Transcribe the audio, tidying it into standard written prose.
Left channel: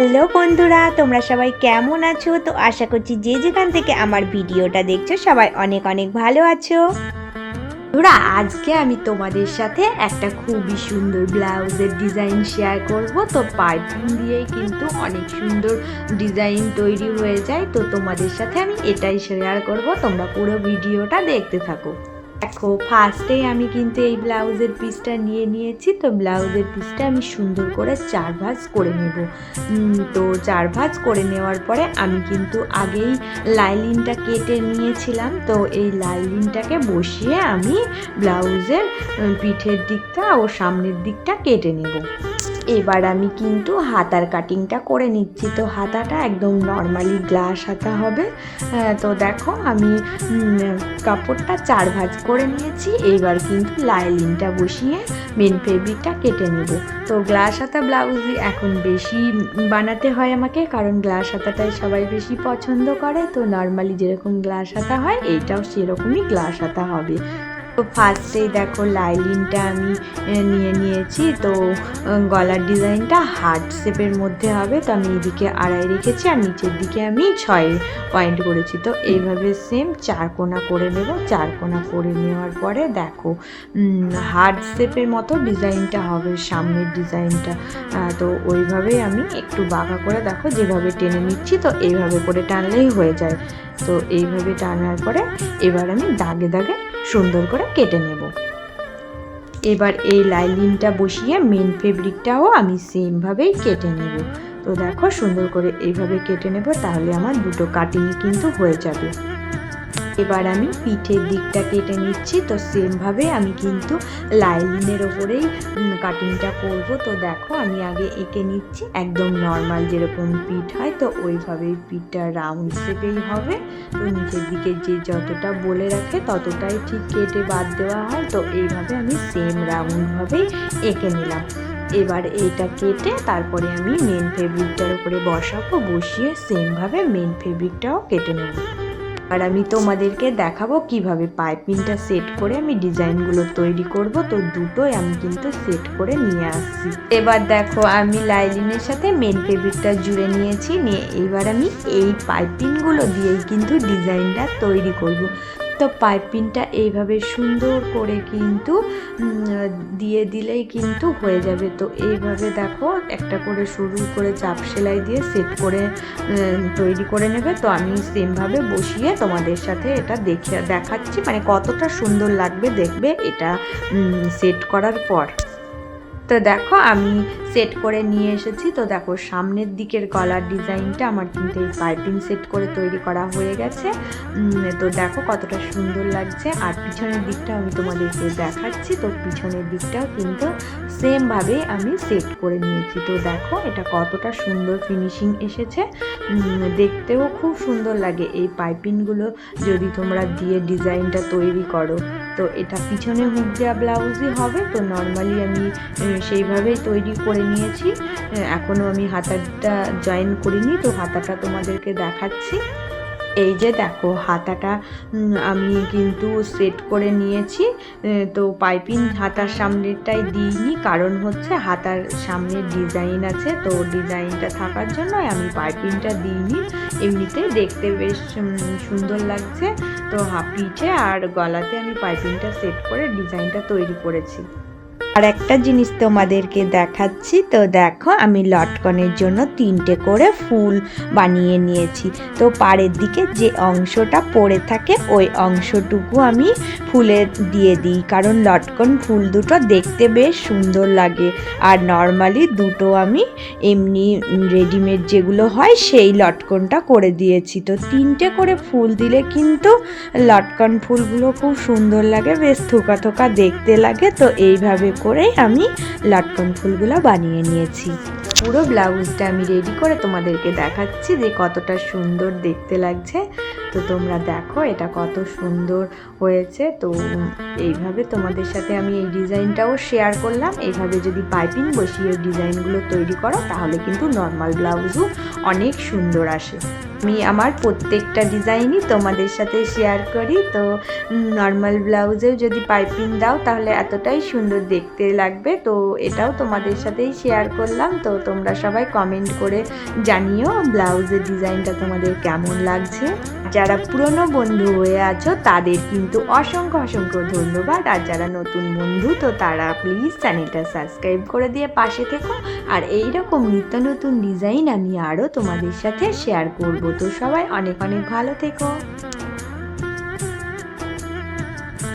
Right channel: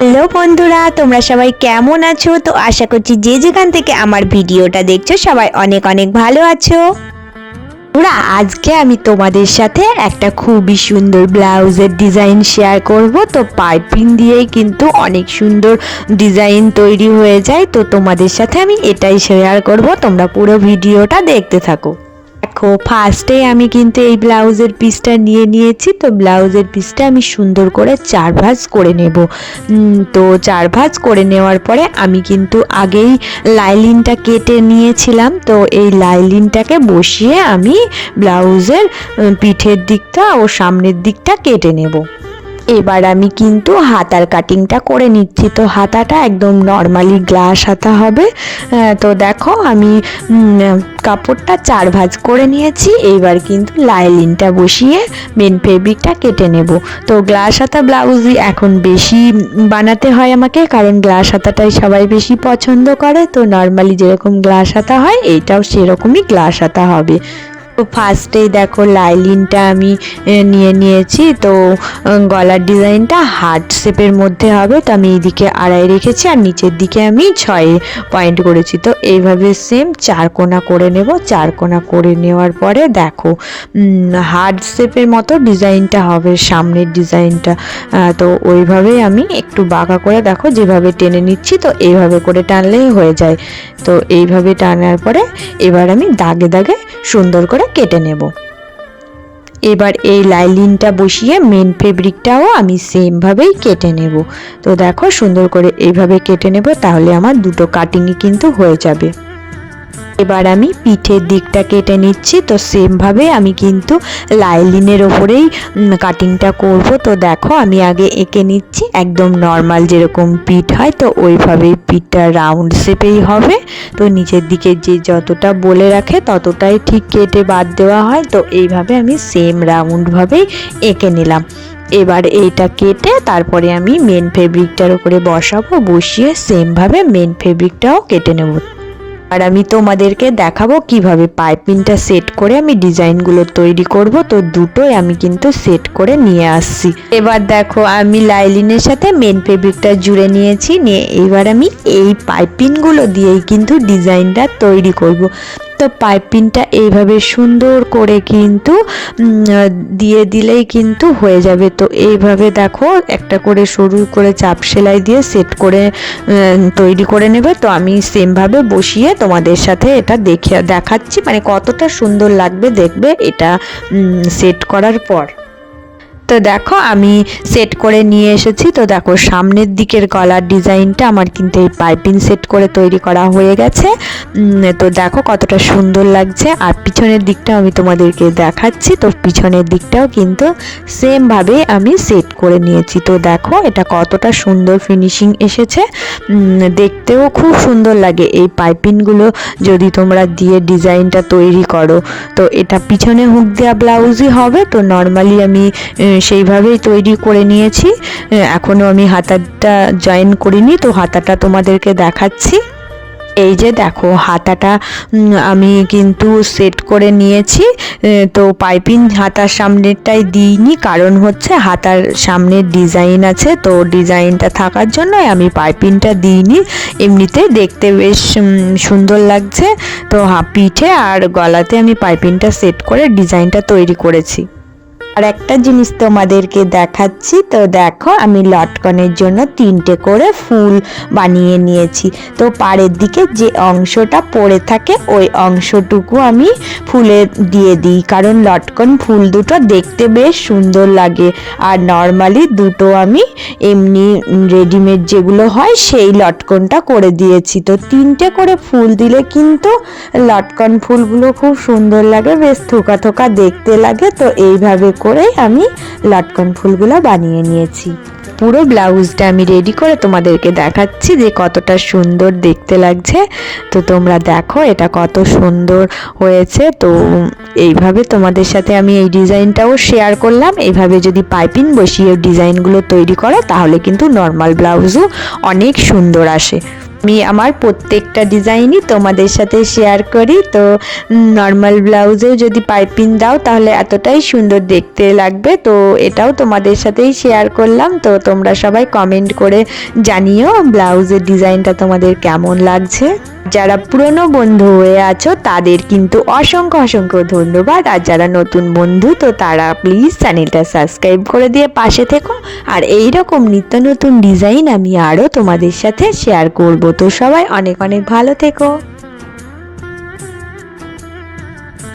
Hello বন্ধুরা, তোমরা সবাই কেমন আছো? তো আশা করছি যে যেখান থেকে আমার ভিডিওটা দেখছো সবাই অনেক অনেক ভালো আছো। ওরা আজকে আমি তোমাদের সাথে একটা খুবই সুন্দর ব্লাউজের ডিজাইন শেয়ার করব। তো পাইপিং দিয়েই কিন্তু অনেক সুন্দর ডিজাইন তৈরি হয়ে যায়। তো তোমাদের সাথে আমি এটাই শেয়ার করব, তোমরা পুরো ভিডিওটা দেখতে থাকো। দেখো, ফার্স্টে আমি কিন্তু এই ব্লাউজের পিসটা নিয়ে নিয়েছি। তো ব্লাউজের পিসটা আমি সুন্দর করে 4 ভাঁজ করে নেব। তো 4 ভাঁজ করে নেওয়ার পরে আমি কিন্তু আগেই লাইলিনটা কেটে নিয়েছিলাম। তো এই লাইলিনটাকে বসিয়ে আমি ব্লাউজের পিঠের দিকটা ও সামনের দিকটা কেটে নেব। এবার আমি কিন্তু হাতার কাটিংটা করে নিচ্ছি। তো হাতাটা একদম নর্মালি গ্লাস হাতা হবে। তো দেখো আমি কাপড়টা 4 ভাঁজ করে নিয়েছি। এইবার কিন্তু লাইলিনটা বসিয়ে মেন ফেব্রিকটা কেটে নেব। তো গ্লাস হাতা ব্লাউজই এখন বেশি বানাতে হয় আমাকে, কারণ গ্লাস হাতাটাই সবাই বেশি পছন্দ করে। তো নর্মালি যেরকম গ্লাস হাতা হয় এইটাও সেরকমই গ্লাস হাতা হবে। তো ফার্স্টেই দেখো লাইলিনটা আমি নিয়ে নিয়েছি। তো গলার ডিজাইনটা হার্ট শেপের মধ্যে হবে। তো আমি এইদিকে 2.5 রেখেছি আর নিচের দিকে আমি 6 পয়েন্ট করেছি। তো এইভাবে সেম 4 কোণা করে নেব। 4 কোণা করে নেওয়ার পরে দেখো হার্ট শেপের মতো ডিজাইনটা হবে সামনের ডিজাইনটা। তো ওইভাবেই আমি একটু বাঁকা করে দেখো যেভাবে টেনে নিচ্ছি। তো এইভাবে করে টানলেই হয়ে যায়। তো এইভাবে টানার পরে এবার আমি দাগে দাগে সুন্দর করে কেটে নেব। এবার এই লাইলিনটা বসিয়ে মেন ফেব্রিকটাও আমি সেম ভাবেই কেটে নেব। তো দেখো সুন্দর করে এইভাবে কেটে নেব, তাহলে আমার দুটো কাটিংই কিন্তু হয়ে যাবে। এবার আমি পিঠের দিকটা কেটে নিচ্ছি। তো সেম ভাবে আমি কিন্তু লাইলিনের ওপরেই কাটিংটা করব। তো দেখো আমি আগে এঁকে নিচ্ছি একদম নর্মাল যেরকম পিঠ হয়। তো ওইভাবেই পিঠটা রাউন্ড শেপেই হবে। তো নিচের দিকে যে যতটা বলে রাখে ততটাই ঠিক কেটে বাদ দেওয়া হয়। তো এইভাবে আমি সেম রাউন্ডভাবেই এঁকে নিলাম। এবার এইটা কেটে তারপরে আমি মেন ফেব্রিকটার উপরে বসাবো। বসিয়ে সেমভাবে মেন ফেব্রিকটাও কেটে নেব। আর আমি তোমাদেরকে দেখাবো কিভাবে পাইপিংটা সেট করে আমি ডিজাইনগুলো তৈরি করব। তো দুটোই আমি কিন্তু সেট করে নিয়ে আসছি। এবার দেখো আমি লাইলিনের সাথে মেন ফেব্রিকটা জুড়ে নিয়েছি। নিয়ে এবার আমি এই পাইপিংগুলো দিয়েই কিন্তু ডিজাইনটা তৈরি করব। তো পাইপিংটা এইভাবে সুন্দর করে কিন্তু দিয়ে দিলেই কিন্তু হয়ে যাবে। তো এইভাবে দেখো একটা করে সরু করে চাপ সেলাই দিয়ে সেট করে তৈরি করে নেবে। তো আমি সেমভাবে বসিয়ে তোমাদের সাথে এটা দেখাচ্ছি, মানে কতটা সুন্দর লাগবে দেখবে এটা সেট করার পর। তো দেখো আমি সেট করে নিয়ে এসেছি। তো দেখো সামনের দিকের গলার ডিজাইনটা আমার কিন্তু এই পাইপিং সেট করে তৈরি করা হয়ে গেছে। তো দেখো কতটা সুন্দর লাগছে। আর পিছনের দিকটা আমি তোমাদেরকে দেখাচ্ছি। তো পিছনের দিকটাও কিন্তু সেমভাবে আমি সেট করে নিয়েছি। তো দেখো এটা কতটা সুন্দর ফিনিশিং এসেছে, দেখতেও খুব সুন্দর লাগে এই পাইপিংগুলো যদি তোমরা দিয়ে ডিজাইনটা তৈরি করো। তো এটা পিছনে হুক দেওয়া ব্লাউজই হবে। তো নর্মালি আমি সেইভাবেই তৈরি করে নিয়েছি। এখনও আমি হাতাটা জয়েন করিনি। তো হাতাটা তোমাদেরকে দেখাচ্ছি। এই যে দেখো হাতাটা আমি কিন্তু সেট করে নিয়েছি। তো পাইপিং হাতার সামনেরটাই দিইনি, কারণ হচ্ছে হাতার সামনের ডিজাইন আছে। তো ডিজাইনটা থাকার জন্য আমি পাইপিংটা দিইনি। এমনিতে দেখতে বেশ সুন্দর লাগছে। তো পিঠে আর গলাতে আমি পাইপিংটা সেট করে ডিজাইনটা তৈরি করেছি। আর একটা জিনিস তোমাদেরকে দেখাচ্ছি। তো দেখো আমি লটকনের জন্য 3টে করে ফুল বানিয়ে নিয়েছি। তো পাড়ের দিকে যে অংশটা পড়ে থাকে ওই অংশটুকু আমি ফুলে দিয়ে দিই, কারণ লটকন ফুল দুটো দেখতে বেশ সুন্দর লাগে। আর নর্মালি দুটো আমি এমনি রেডিমেড যেগুলো হয় সেই লটকনটা করে দিয়েছি। তো 3টে করে ফুল দিলে কিন্তু লটকন ফুলগুলো খুব সুন্দর লাগে, বেশ থোকা থোকা দেখতে লাগে। তো এইভাবে করে আমি লটকন ফুলগুলো বানিয়ে নিয়েছি। পুরো ব্লাউজটা আমি রেডি করে তোমাদেরকে দেখাচ্ছি যে কতটা সুন্দর দেখতে লাগছে। তো তোমরা দেখো এটা কত সুন্দর হয়েছে। তো এইভাবে তোমাদের সাথে আমি এই ডিজাইনটাও শেয়ার করলাম। এইভাবে যদি পাইপিং বসিয়ে ডিজাইনগুলো তৈরি করো তাহলে কিন্তু নর্মাল ব্লাউজও অনেক সুন্দর আসে। আমি আমার প্রত্যেকটা ডিজাইনই তোমাদের সাথে শেয়ার করি। তো নর্মাল ব্লাউজেও যদি পাইপিং দাও তাহলে এতটাই সুন্দর দেখতে লাগবে। তো এটাও তোমাদের সাথেই শেয়ার করলাম। তো তোমরা সবাই কমেন্ট করে জানিও ব্লাউজের ডিজাইনটা তোমাদের কেমন লাগছে। যারা পুরনো বন্ধু হয়ে আছো তাদের কিন্তু অসংখ্য অসংখ্য ধন্যবাদ। আর যারা নতুন বন্ধু তো তারা প্লিজ চ্যানেলটা সাবস্ক্রাইব করে দিয়ে পাশে থেকো। আর এই রকম নিত্য নতুন ডিজাইন আমি আরও তোমাদের সাথে শেয়ার করব। তো সবাই অনেক অনেক ভালো থেকো।